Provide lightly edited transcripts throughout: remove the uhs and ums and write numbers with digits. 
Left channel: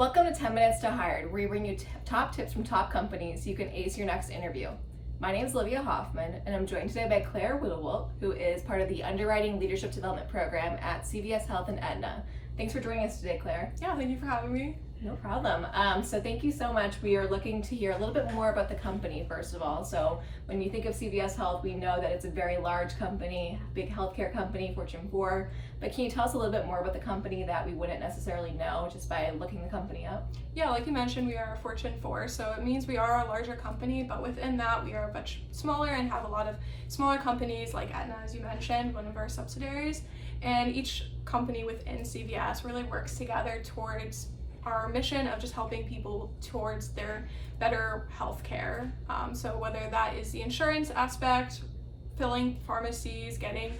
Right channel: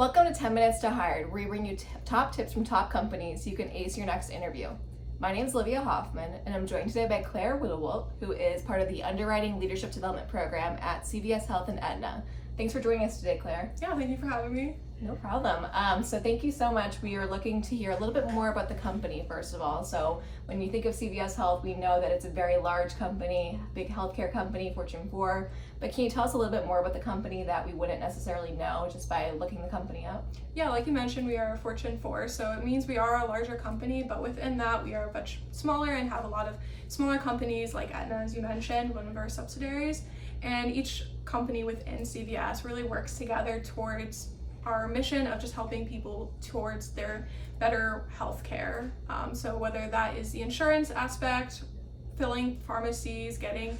Welcome to 10 Minutes to Hired, where we bring you top tips from top companies so you can ace your next interview. My name is Olivia Hoffman, and I'm joined today by Claire Whittlewolf, who is part of the Underwriting Leadership Development Program at CVS Health and Aetna. Thanks for joining us today, Claire. Yeah, thank you for having me. No problem. So thank you so much. We are looking to hear a little bit more about the company, first of all. So when you think of CVS Health, we know that it's a very large company, big healthcare company, Fortune 4. But can you tell us a little bit more about the company that we wouldn't necessarily know just by looking the company up? Yeah, like you mentioned, we are a Fortune 4, so it means we are a larger company, but within that, we are much smaller and have a lot of smaller companies like Aetna, as you mentioned, one of our subsidiaries. And each company within CVS really works together towards our mission of just helping people towards their better health care. So whether that is the insurance aspect, filling pharmacies, going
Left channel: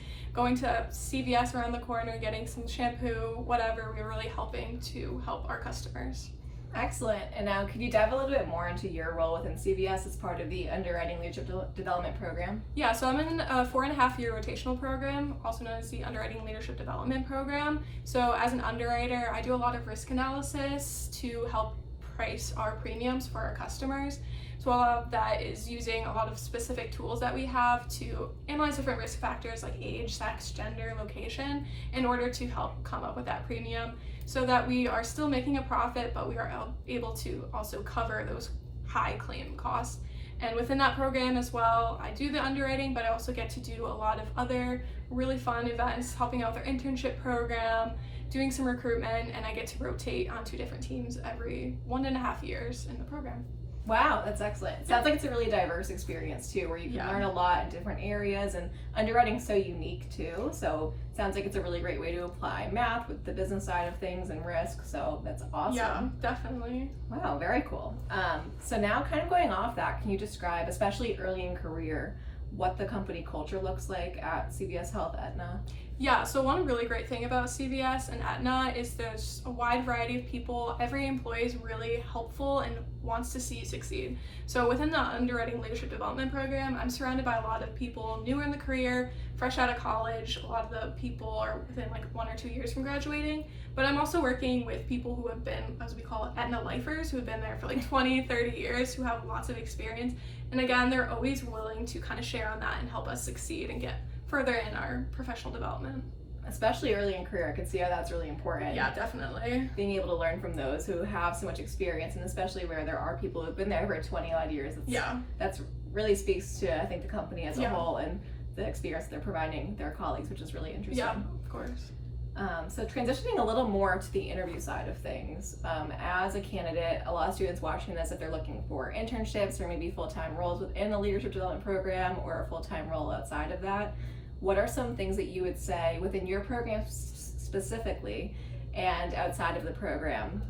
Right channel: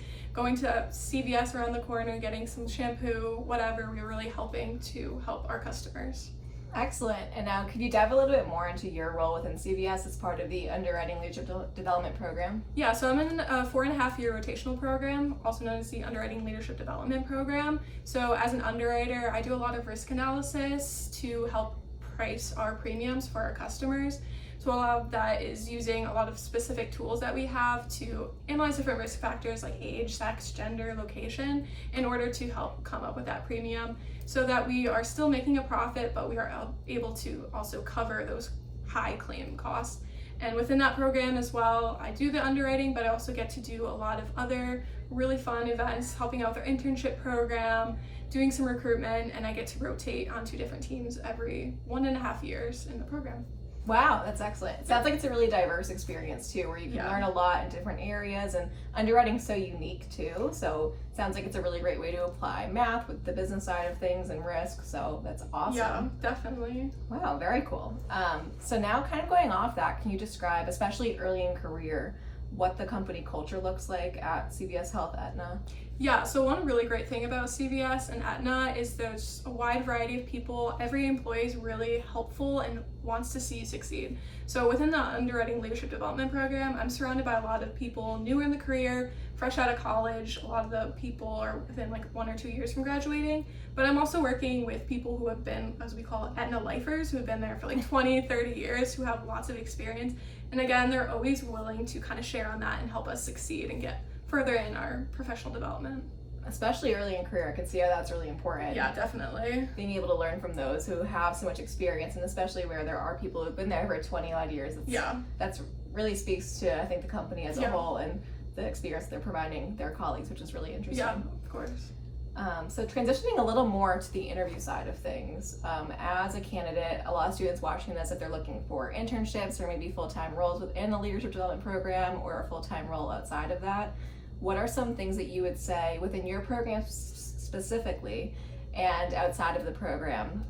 to CVS around the corner, getting some shampoo, whatever, we're really helping to help our customers. Excellent. And now could you dive a little bit more into your role within CVS as part of the Underwriting Leadership Development Program? Yeah, so I'm in a 4.5-year rotational program, also known as the Underwriting Leadership Development Program. So as an underwriter, I do a lot of risk analysis to help price our premiums for our customers. So a lot of that is using a lot of specific tools that we have to analyze different risk factors like age, sex, gender, location, in order to help come up with that premium so that we are still making a profit, but we are able to also cover those high claim costs. And within that program as well, I do the underwriting, but I also get to do a lot of other really fun events, helping out with our internship program, doing some recruitment, and I get to rotate onto different teams every 1.5 years in the program. Wow, that's excellent. It sounds like it's a really diverse experience too, where you can learn a lot in different areas, and underwriting's so unique too. So it sounds like it's a really great way to apply math with the business side of things and risk. So that's awesome. Yeah, definitely. Wow, very cool. So now kind of going off that, can you describe, especially early in career, what the company culture looks like at CVS Health Aetna? Yeah, so one really great thing about CVS and Aetna is there's a wide variety of people. Every employee is really helpful and wants to see you succeed. So within the Underwriting Leadership Development Program, I'm surrounded by a lot of people newer in the career, fresh out of college. A lot of the people are within like 1 or 2 years from graduating, but I'm also working with people who have been, as we call it, Aetna lifers, who have been there for like 20, 30 years, who have lots of experience. And again, they're always willing to kind of share on that and help us succeed and get further in our professional development. Especially early in career, I could see how that's really important. Yeah, definitely. Being able to learn from those who have so much experience, and especially where there are people who've been there for 20 odd years. That's really speaks to, I think, the company as a whole and the experience they're providing their colleagues, which is really interesting. Yeah, of course. So transitioning a little more to the interview side of things, as a candidate, a lot of students watching this, if they're looking for internships or maybe full-time roles within the leadership development program or a full-time role outside of that, what are some things that you would say within your program specifically and outside of the program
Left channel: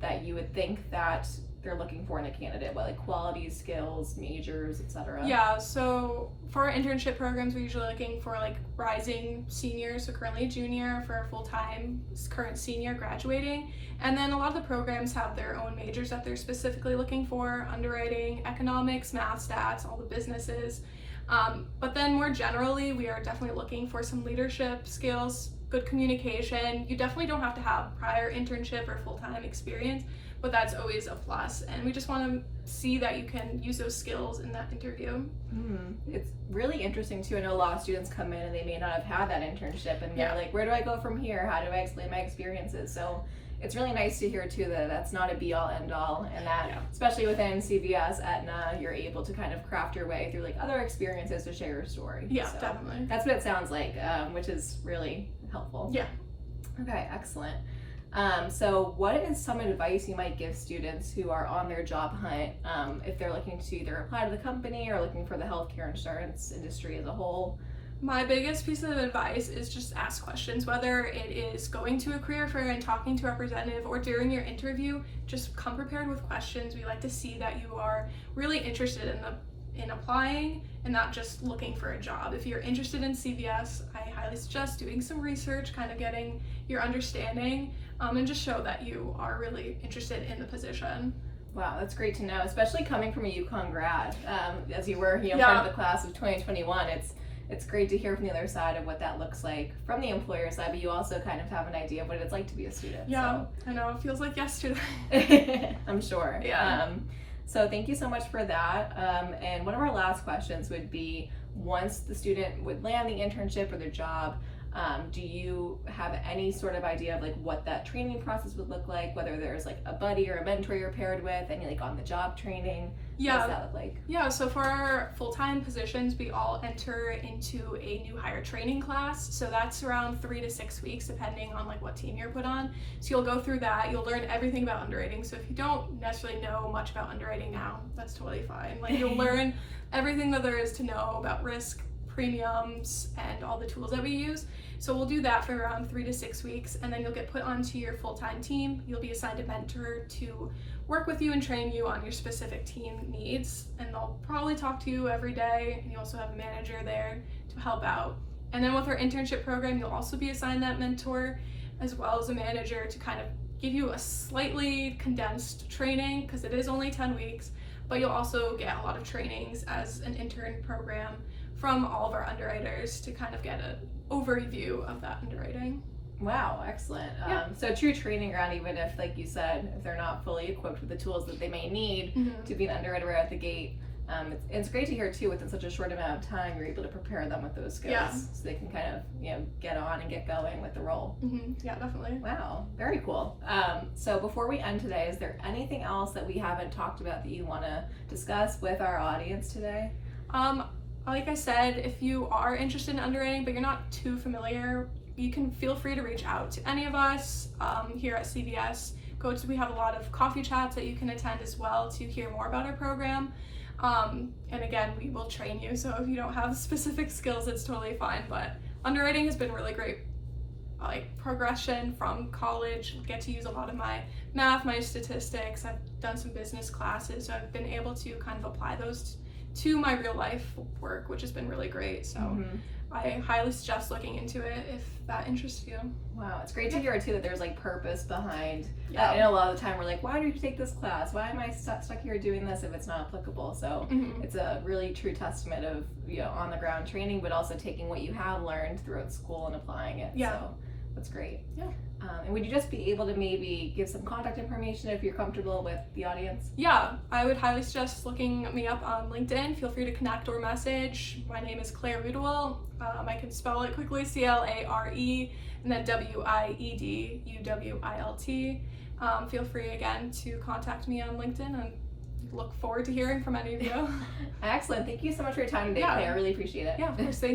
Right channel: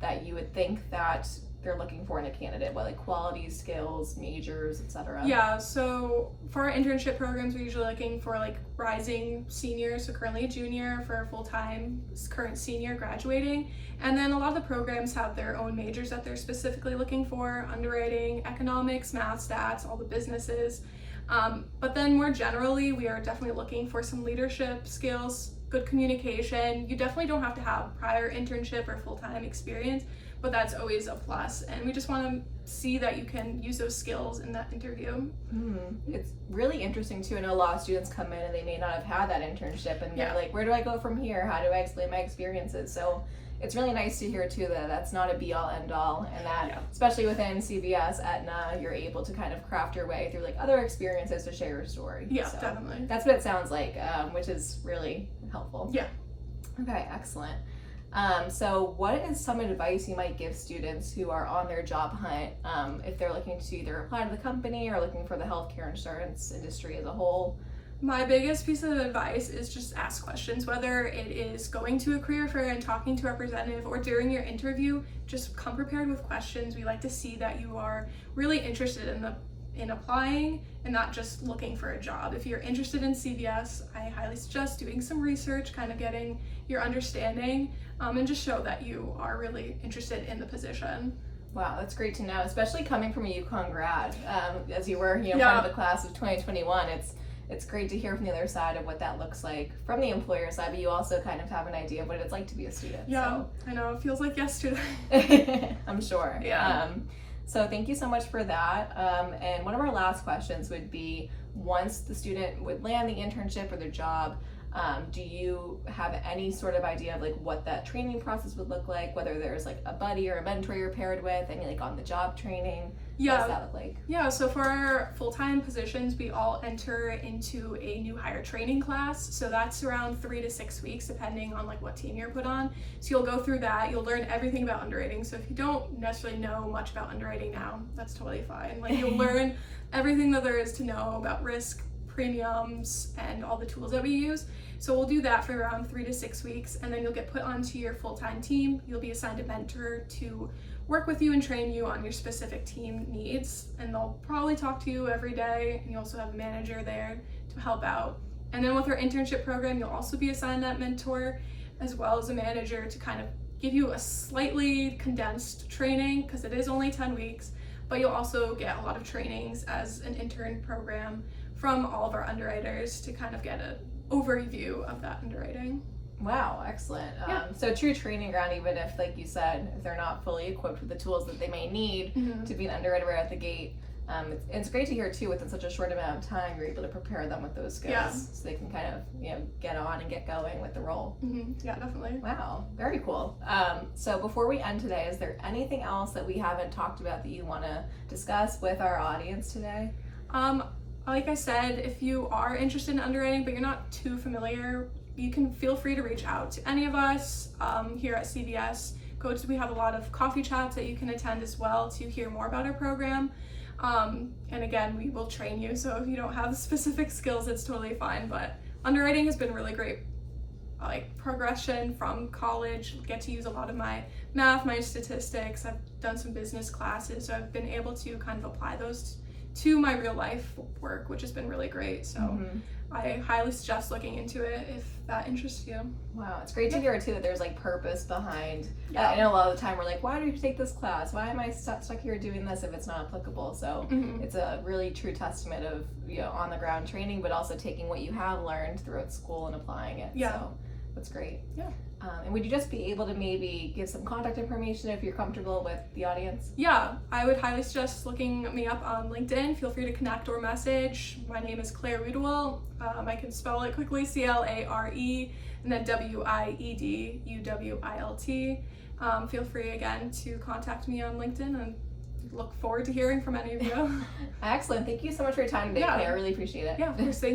that you would think that they're looking for in a candidate, what like qualities, skills, majors, etc.? Yeah, so for our internship programs, we're usually looking for like rising seniors, so currently a junior, for full-time current senior graduating. And then a lot of the programs have their own majors that they're specifically looking for: underwriting, economics, math, stats, all the businesses. But then more generally, we are definitely looking for some leadership skills, good communication. You definitely don't have to have prior internship or full-time experience, but that's always a plus. And we just want to see that you can use those skills in that interview. It's really interesting too. I know a lot of students come in and they may not have had that internship and they're like, where do I go from here? How do I explain my experiences? So it's really nice to hear too that that's not a be-all end-all, and that especially within CVS, Aetna, you're able to kind of craft your way through like other experiences to share your story. Yeah, so definitely. That's what it sounds like, which is really helpful. Yeah. Okay, excellent. So what is some advice you might give students who are on their job hunt, if they're looking to either apply to the company or looking for the healthcare insurance industry as a whole? My biggest piece of advice is just ask questions, whether it is going to a career fair and talking to a representative or during your interview. Just come prepared with questions. We like to see that you are really interested in applying and not just looking for a job. If you're interested in CVS, I highly suggest doing some research, kind of getting your understanding, and just show that you are really interested in the position. Wow, that's great to know, especially coming from a UConn grad, as you were, part of the class of 2021. it's great to hear from the other side of what that looks like from the employer side, but you also kind of have an idea of what it's like to be a student. Yeah, I know, it feels like yesterday. I'm sure. Yeah. So thank you so much for that. And one of our last questions would be, once the student would land the internship or their job, do you have any sort of idea of like what that training process would look like, whether there's like a buddy or a mentor you're paired with, any like on the job training? Yeah. What does that look like? Yeah, so for our full-time positions, we all enter into a new hire training class. So that's around 3 to 6 weeks, depending on like what team you're put on. So you'll go through that, you'll learn everything about underwriting. So if you don't necessarily know much about underwriting now, that's totally fine. Like you'll learn everything that there is to know about risk, premiums, and all the tools that we use. So we'll do that for around 3 to 6 weeks, and then you'll get put onto your full-time team. You'll be assigned a mentor to work with you and train you on your specific team needs, and they'll probably talk to you every day, and you also have a manager there to help out. And then with our internship program, you'll also be assigned that mentor as well as a manager to kind of give you a slightly condensed training, because it is only 10 weeks, but you'll also get a lot of trainings as an intern program from all of our underwriters to kind of get an overview of that underwriting. Wow, excellent. Yeah. So true training ground, even if, like you said, if they're not fully equipped with the tools that they may need to be an underwriter right out the gate. It's great to hear too, within such a short amount of time, you're able to prepare them with those skills, so they can kind of, get on and get going with the role. Yeah, definitely. Wow, very cool. So before we end today, is there anything else that we haven't talked about that you want to discuss with our audience today? Like I said, if you are interested in underwriting but you're not too familiar, you can feel free to reach out to any of us here at CVS. We have a lot of coffee chats that you can attend as well to hear more about our program. And again, we will train you, so if you don't have specific skills, it's totally fine. But underwriting has been really great, like progression from college. Get to use a lot of my math, my statistics. I've done some business classes, so I've been able to kind of apply those to my real life work, which has been really great. So I highly suggest looking into it if that interests you. Wow, it's great to hear too that there's like purpose behind. I know a lot of the time we're like, why do you take this class? Why am I stuck here doing this if it's not applicable? So it's a really true testament of on the ground training, but also taking what you have learned throughout school and applying it. Yeah. So that's great. Yeah. And would you just be able to maybe give some contact information if you're comfortable with the audience? Yeah, I would highly suggest looking me up on LinkedIn. Feel free to connect or message. My name is Claire Udwell. I can spell it quickly, C-L-A-R-E, and then W-I-E-D-U-W-I-L-T. Feel free again to contact me on LinkedIn, and look forward to hearing from any of you. Excellent. Thank you so much for your time today, Claire. I really appreciate it. Yeah, of course.